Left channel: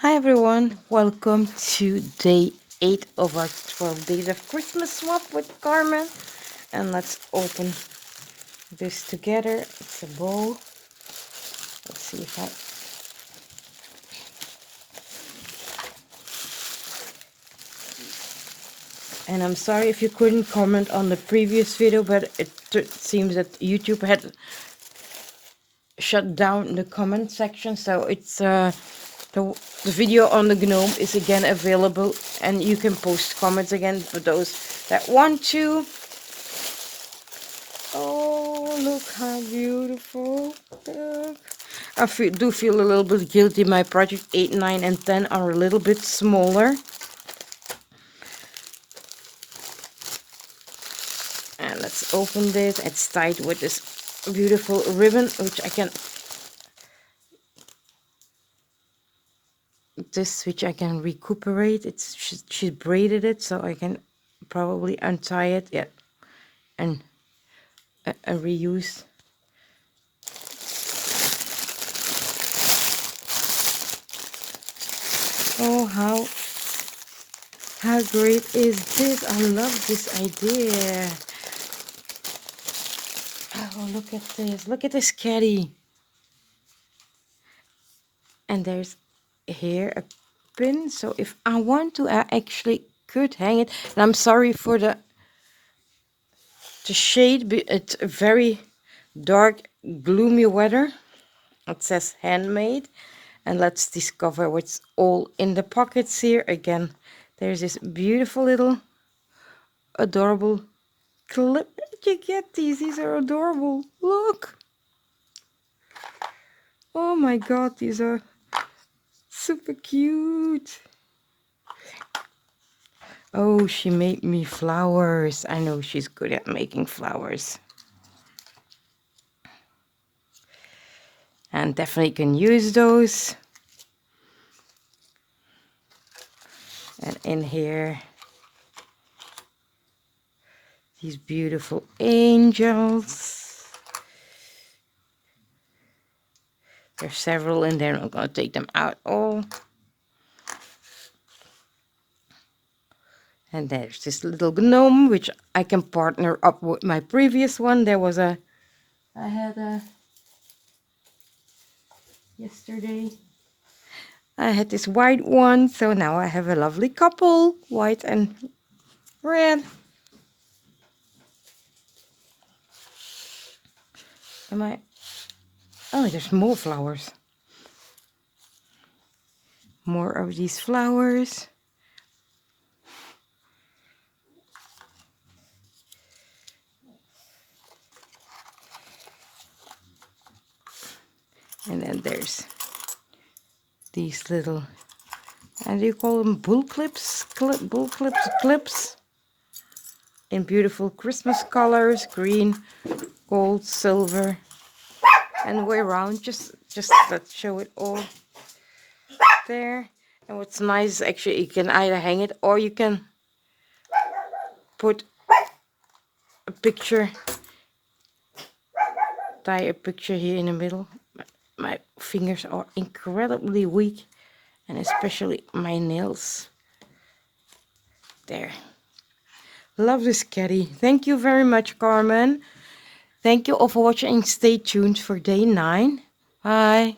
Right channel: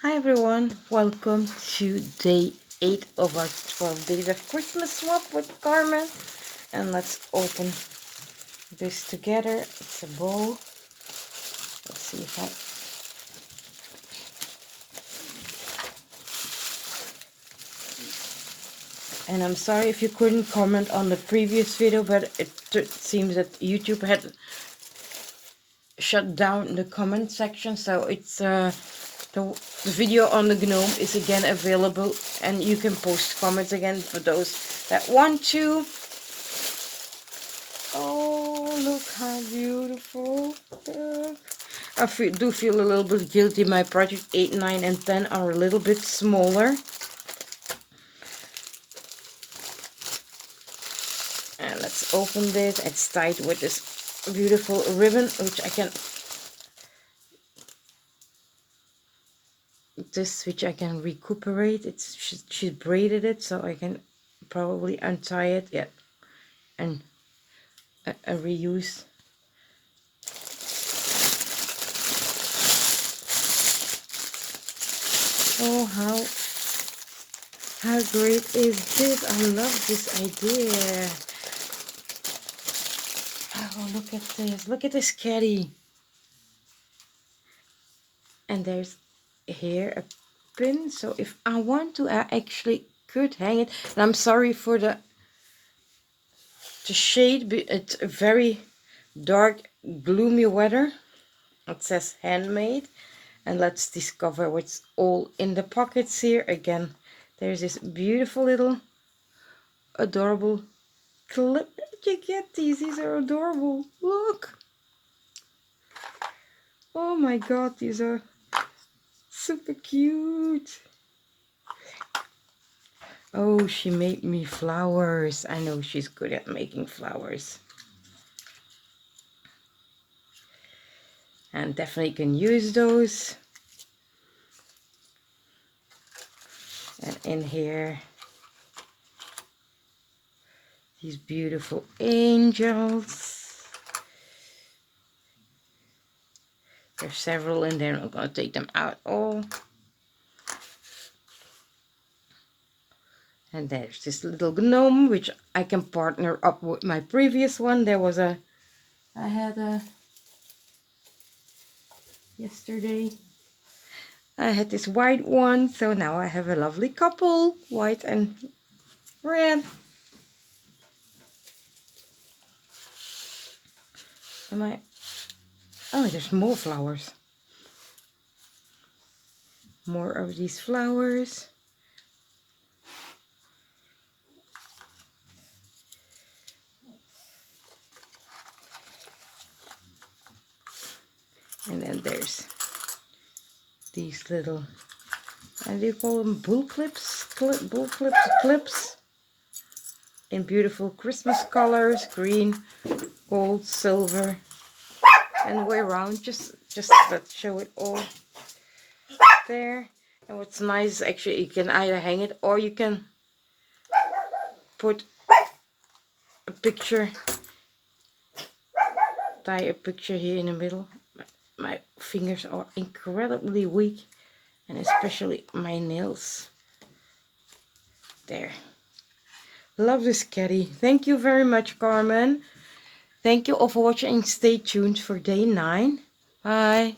Hi everyone, welcome to day 8 of our 12 days of Christmas swap with Carmen. And let's open this together. It's a bowl. Let's see if I... And I'm sorry if you couldn't comment on the previous video, but it seems that YouTube had shut down the comment section. So it's the video on the gnome is again available, and you can post comments again for those that want to. Oh, look how beautiful. Look. I do feel a little bit guilty. My project 8, 9, and 10 are a little bit smaller. And let's open this. It's tied with this beautiful ribbon, which I can... which I can recuperate. She braided it, so I can probably untie it. Yeah, and reuse. Oh, how great is this? I love this idea. Oh, look at this. Look at this caddy. And there's here a pin. So if I want to, I actually could hang it. And I'm sorry for the shade. It's a very dark, gloomy weather. It says handmade. And let's discover what's all in the pockets here. Again, there's this beautiful little adorable clip. You get these are adorable. Look. Oh my god, these are super cute. Oh, she made me flowers. I know she's good at making flowers. And definitely can use those. And in here, these beautiful angels. There's several in there. I'm going to take them out all. And there's this little gnome, which I can partner up with my previous one. There was I had yesterday. I had this white one, so now I have a lovely couple, white and red. Oh, there's more flowers. More of these flowers. And then there's these little, how do you call them? Bull clips? Clips. In beautiful Christmas colors, green, gold, silver, and the way around. Just let's show it all there. And what's nice, actually, you can either hang it or you can put a picture, tie a picture here in the middle. My fingers are incredibly weak, and especially my nails. There. Love this caddy. Thank you very much, Carmen. Thank you all for watching. Stay tuned for day 9. Bye.